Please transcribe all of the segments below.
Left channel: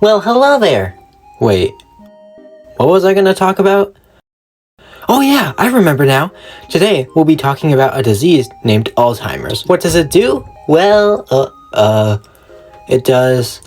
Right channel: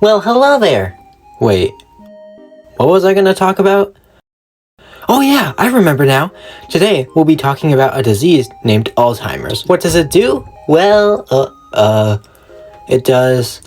Well, hello there. Wait, what was I gonna talk about? Oh yeah, I remember now. Today, we'll be talking about a disease named Alzheimer's. What does it do? Well, it does...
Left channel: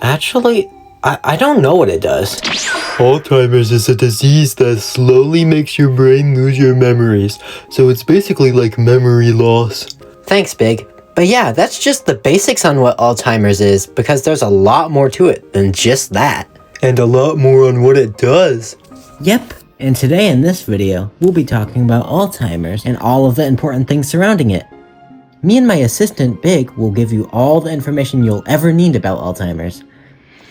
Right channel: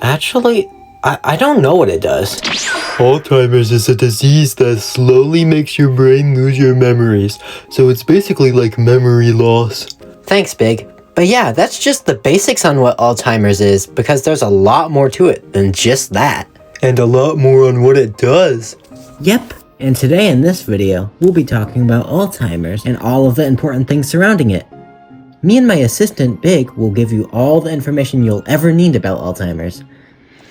Actually, I don't know what it does. Alzheimer's is a disease that slowly makes your brain lose your memories, so it's basically like memory loss. Thanks, Big. But yeah, that's just the basics on what Alzheimer's is, because there's a lot more to it than just that. And a lot more on what it does. Yep, and today in this video, we'll be talking about Alzheimer's and all of the important things surrounding it. Me and my assistant, Big, will give you all the information you'll ever need about Alzheimer's.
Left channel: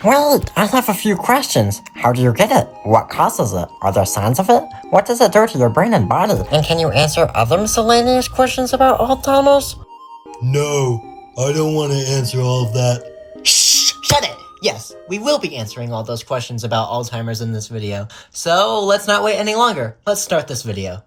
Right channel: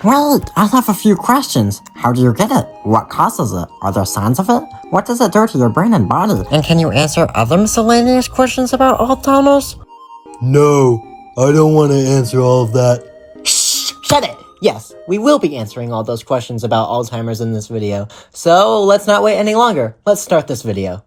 Wait, I have a few questions. How do you get it? What causes it? Are there signs of it? What does it do to your brain and body? And can you answer other miscellaneous questions about Alzheimer's? No, I don't want to answer all of that. Shh! Shut it! Yes, we will be answering all those questions about Alzheimer's in this video. So let's not wait any longer. Let's start this video.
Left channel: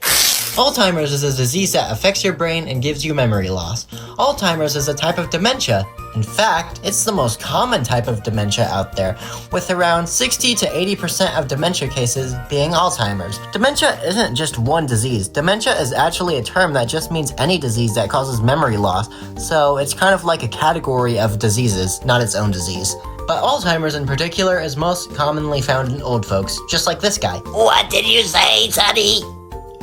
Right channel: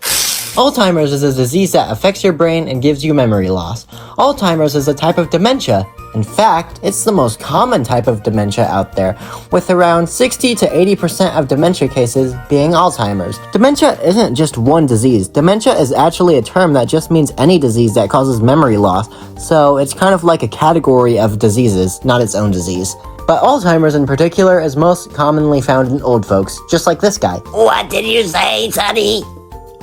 Alzheimer's is a disease that affects your brain and gives you memory loss. Alzheimer's is a type of dementia. In fact, it's the most common type of dementia out there, with around 60 to 80% of dementia cases being Alzheimer's. Dementia isn't just one disease. Dementia is actually a term that just means any disease that causes memory loss, so it's kind of like a category of diseases, not its own disease. But Alzheimer's in particular is most commonly found in old folks, just like this guy. What did you say, Sonny?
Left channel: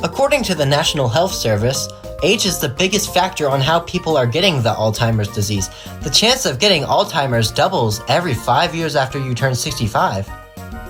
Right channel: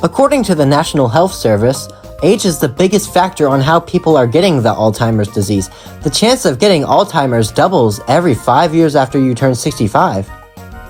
According to the National Health Service, age is the biggest factor on how people are getting the Alzheimer's disease. The chance of getting Alzheimer's doubles every 5 years after you turn 65.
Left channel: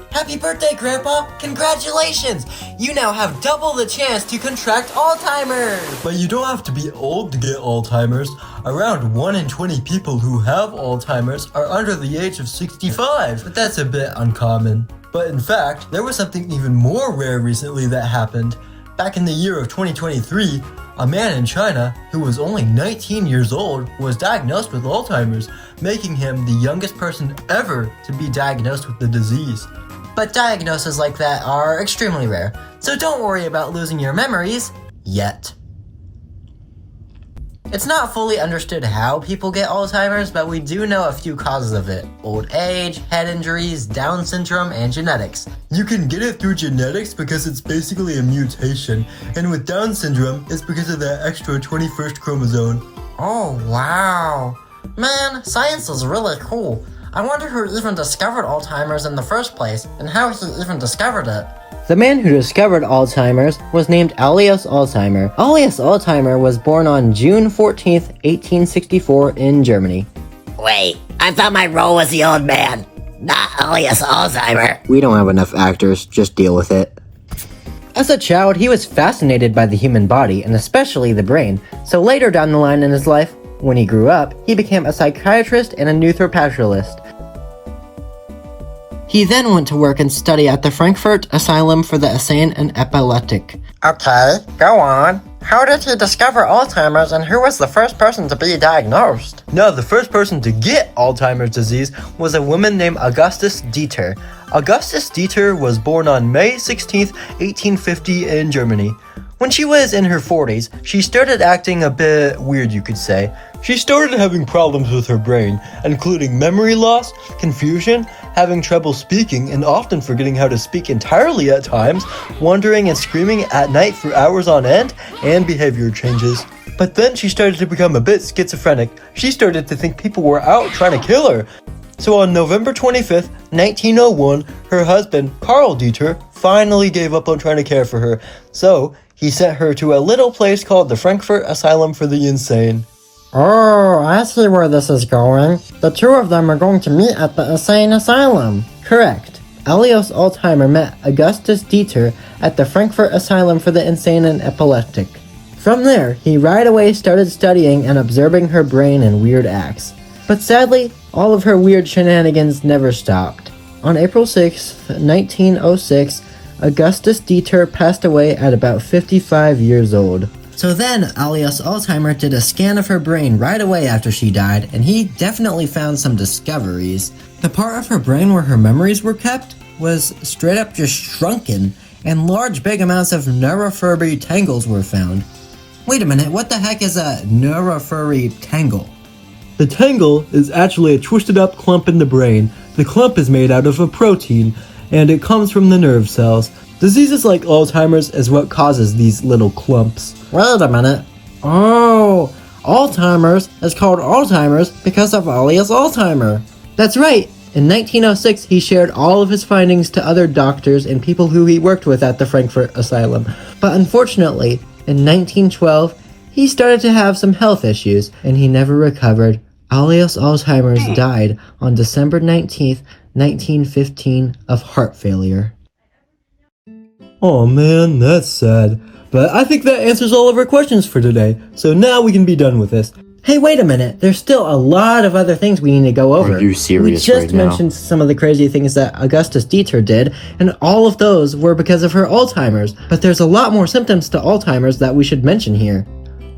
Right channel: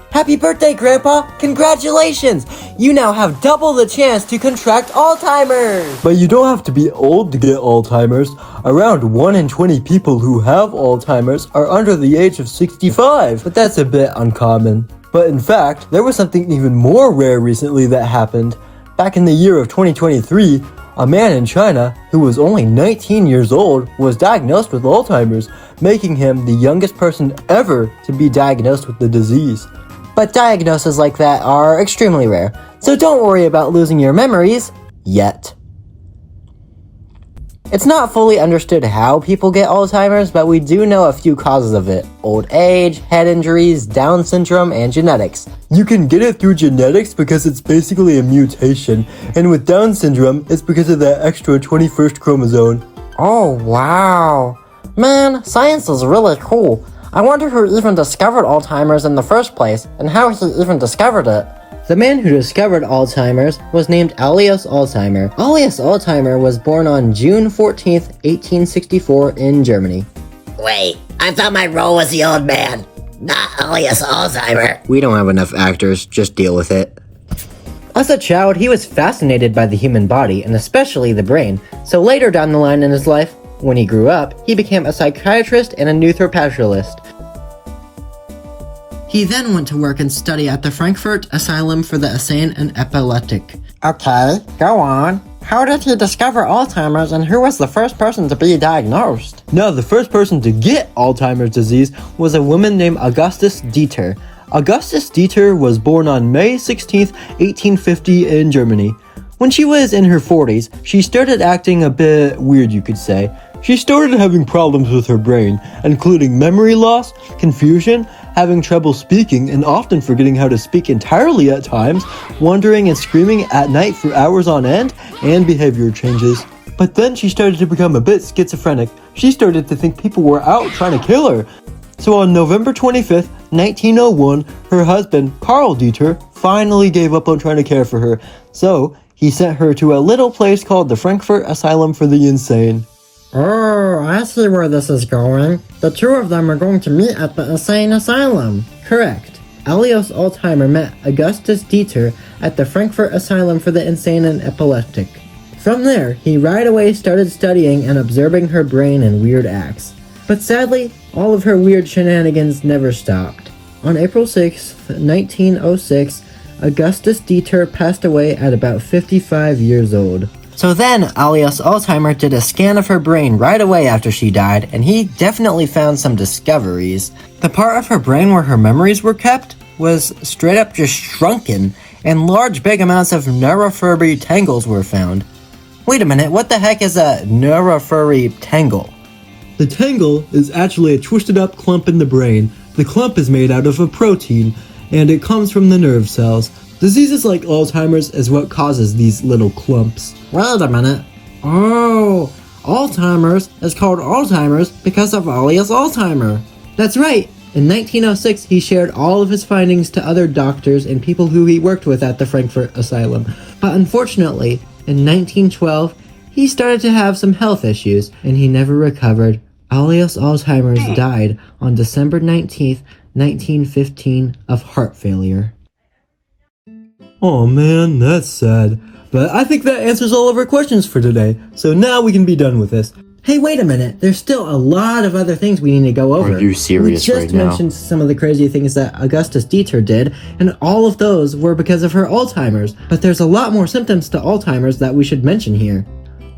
Happy birthday, Grandpa! Congratulations! You now have double the chance to contract Alzheimer's! But you don't have to be old to get Alzheimer's. Around 1 in 20 people who have Alzheimer's are under the age of 65, but that's a bit uncommon. But in fact, there was something even more rare recently that happened. Back in the year of 2023, a man in China who was only 19 years old was diagnosed with Alzheimer's, making him the youngest person ever to be diagnosed with the disease. But diagnoses like that are extremely rare, so don't worry about losing your memories yet. It's not fully understood how people get Alzheimer's, but we do know a few causes of it: old age, head injuries, Down syndrome, and genetics. You can get it through genetics because it's basically a mutation, and with Down syndrome, it's because of that extra 21st chromosome. Oh, wow. Man, science is really cool. I wonder who even discovered Alzheimer's in the first place, and how he even discovered it. The man who discovered Alzheimer's was named Alois Alzheimer. Alois Alzheimer was born on June 14th, 1864 in Germany. Wait, I thought my role was the old man, not Alzheimer's Alzheimer. We don't have enough actors, just deal with it. As a child, he was fascinated by the human body, and especially the brain, so later down the line in his life, when he grew up, he became a psychiatrist and a neuropathologist. He then went to work and study at the Frankfurt Asylum for the Insane and Epileptic. Okay, go on. How did he discover Alzheimer's, and who was the first person to be diagnosed? Now, the first person to get Alzheimer's disease was a woman named Augustus Dieter. Augustus Dieter was born on May 16th, 1850 in Germany. When she was in her 40s, she started acting a bit weird, you could say. She started having problems with her brain, including memory loss, confusion, having trouble speaking and often forgetting how to speak entirely at times, wandering and screaming at night for hours on end, and behavior changes. But then she started to become a bit schizophrenic. She started to think people were out trying to kill her. So on November 25th, 1901, her husband, Karl Dieter, finally gave up on trying to care for her. So he sent her to a little place called the Frankfurt Asylum for the Insane. Oh, I see where this is going. The two of them are going to meet at the insane asylum. Correct. Alois Alzheimer met Augustus Dieter at the Frankfurt Asylum for the Insane and Epileptic. From there, he right away started studying and observing her brain and weird acts. But sadly, all of her weird shenanigans never stopped. On April 6, 1906, Augustus Dieter passed away at about 55 years old. So then, Alois Alzheimer did a scan of her brain right away after she died, and he definitely found some discoveries. The part of her brain where her memories were kept was straight up just shrunken, and large big amounts of neurofurry tangles were found. Wait a minute, what the heck is a neurofurry tangle? The tangle is actually a twisted up clump in the brain. The clump is made out of a protein, and it comes from the nerve cells. Diseases like Alzheimer's is what causes these little clumps. Wait a minute. Oh, Alzheimer's is called Alzheimer's because of Alias Alzheimer. That's right. In 1906, he shared all of his findings to other doctors and people who he worked with at the Frankfurt Asylum. But unfortunately, in 1912, he started to have some health issues, and he never recovered. Alias Alzheimer's died on December 19th, 1915 of heart failure. Oh man, that's sad. But I think that answers all of our questions for today, so now we can be done with this. Hey, wait a minute. There's still a lot of other things we need to go over. Are you serious We right just now? mentioned some of the crazy things that Augustus Dieter did, and all of those were because of her Alzheimer's. But there's a lot more symptoms to Alzheimer's that we should mention here.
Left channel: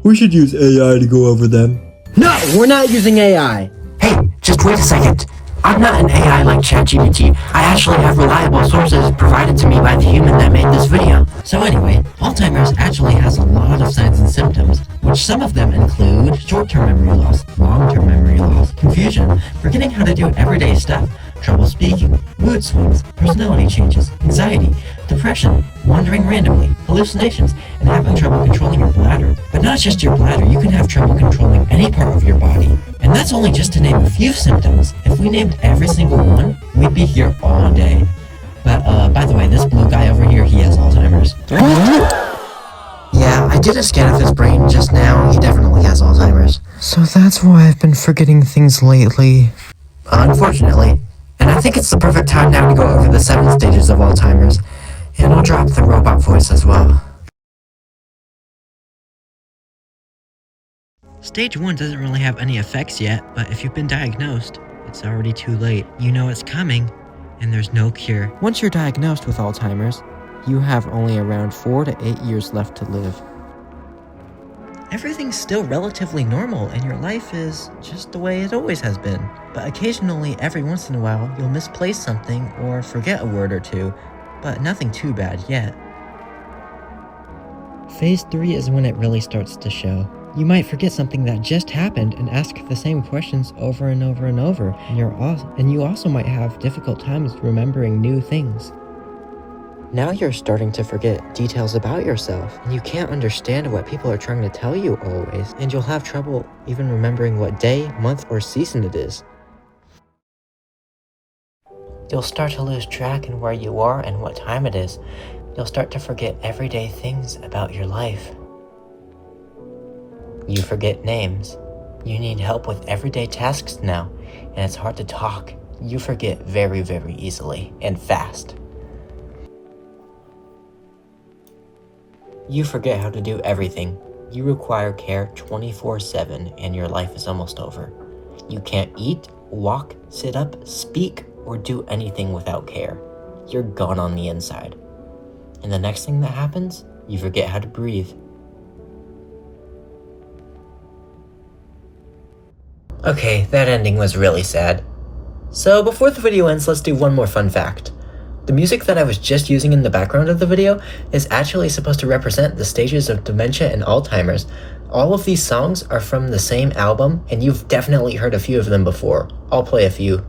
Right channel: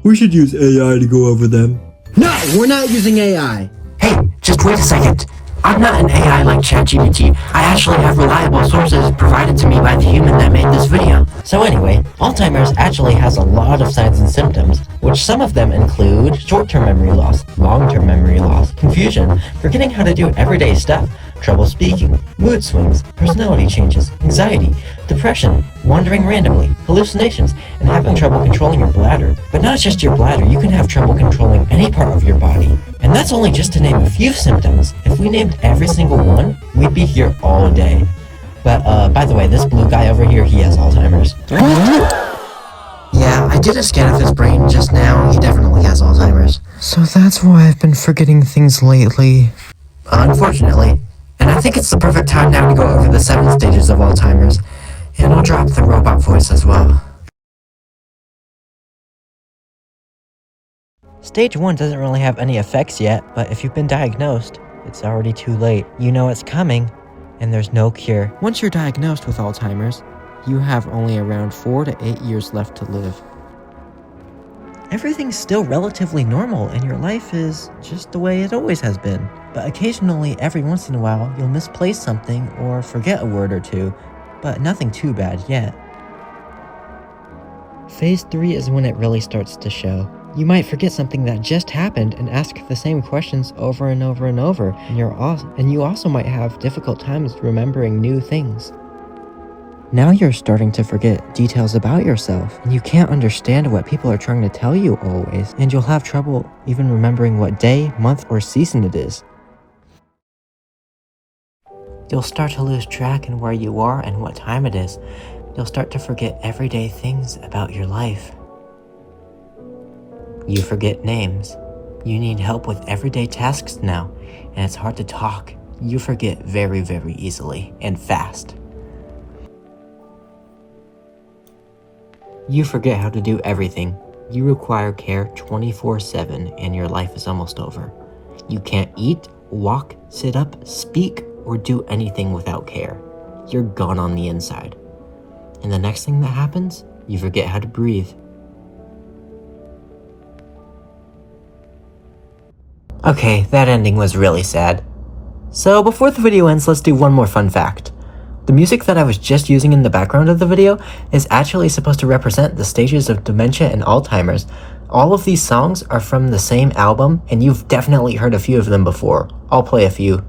We should use AI to go over them. No, we're not using AI. Hey, just wait a second. I'm not an AI like ChatGPT. I actually have reliable sources provided to me by the human that made this video. So anyway, Alzheimer's actually has a lot of signs and symptoms, which some of them include short-term memory loss, long-term memory loss, confusion, forgetting how to do everyday stuff, trouble speaking, mood swings, personality changes, anxiety, depression, wandering randomly, hallucinations, and having trouble controlling your bladder. But not just your bladder, you can have trouble controlling any part of your body. And that's only just to name a few symptoms. If we named every single one, we'd be here all day. But by the way, this blue guy over here, he has Alzheimer's. Yeah, I did a scan of his brain just now. He definitely has Alzheimer's. So that's why I've been forgetting things lately. Unfortunately. And I think it's the perfect time now to go over the 7 stages of Alzheimer's. And I'll drop the robot voice as well. Stage 1 doesn't really have any effects yet, but if you've been diagnosed, it's already too late. You know it's coming, and there's no cure. Once you're diagnosed with Alzheimer's, you have only around 4 to 8 years left to live. Everything's still relatively normal, and your life is just the way it always has been. But occasionally, every once in a while, you'll misplace something or forget a word or two, but nothing too bad yet. Phase 3 is when it really starts to show. You might forget something that just happened and ask the same questions over and over and over, and you also might have difficult times remembering new things. Now you're starting to forget details about yourself, and you can't understand what people are trying to tell you always, and you'll have trouble even remembering what day, month, or season it is. You'll start to lose track in where you are and what time it is. You'll start to forget everyday things about your life. You forget names. You need help with everyday tasks now, and it's hard to talk. You forget very, very easily and fast. You forget how to do everything. You require care 24/7, and your life is almost over. You can't eat, walk, sit up, speak, or do anything without care. You're gone on the inside. And the next thing that happens, you forget how to breathe. Okay, that ending was really sad. So before the video ends, let's do one more fun fact. The music that I was just using in the background of the video is actually supposed to represent the stages of dementia and Alzheimer's. All of these songs are from the same album, and you've definitely heard a few of them before. I'll play a few.